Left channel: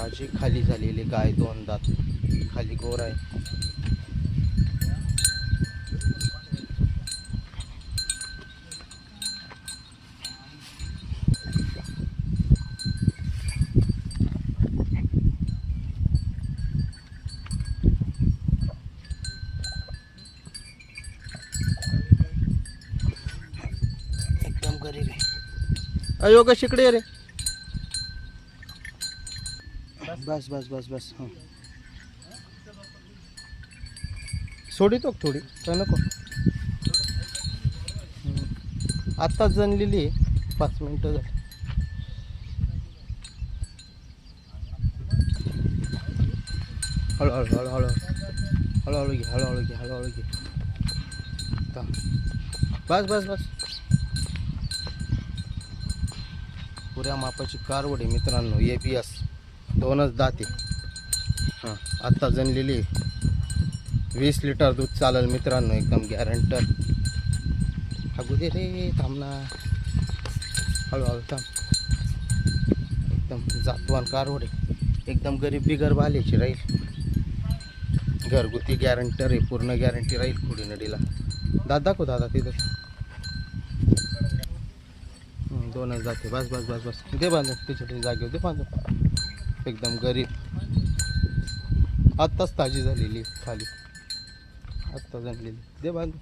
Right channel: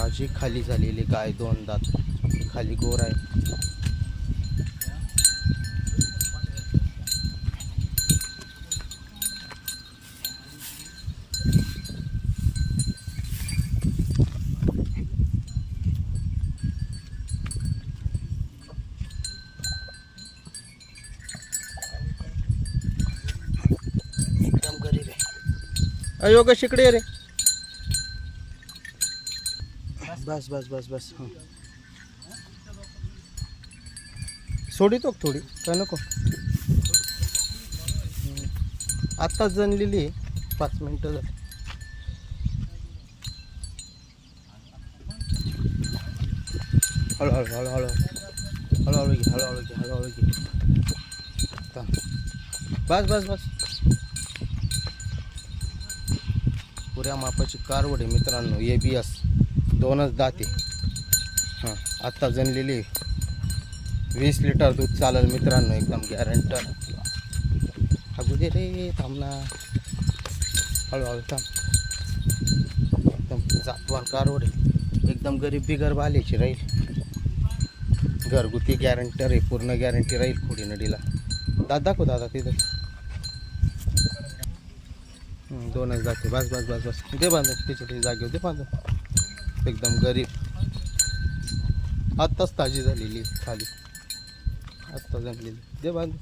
ताजी खाली झालेली गाय, 2 दात खाली गोर आहे. एकदम गरीब आहे. अयो ग शिकडे रे. बस बस बस बस. हां सोडितो थोडी काय नको. आत्ताच जनलेली आहे, 5 मिनटं झाली. हळूहळू हळूहळू हळूहळू घे, हळूहळू घे, हळूहळू घे. बस बस बस. पुऱ्या मापाची कारवड आहे मित्रांनो. ABS 2च दाते. हां आत्ता जनलेली आहे. 20 लिटर दूध चालेल मित्रांनो, एकदम गॅरंटर. हागू दे रे, थांब ना. हळूहळू थांब. एकदम जातवान कारवड आहे, एकदम गरीब बिगर बाल्याची राहील. घरगुती गॅरंटर आहे, पूर्ण गॅरंटी राहील पुढे नडीला. दाखव दादा तिथं. 2च जाते. बस बस बस बस. दे बांधून, त्याच्या जागेवर दे बांधून. एकदम गरीब. आत्ताच ताजी झालेली खाली, आत्ता जणलेली. दे बांधून.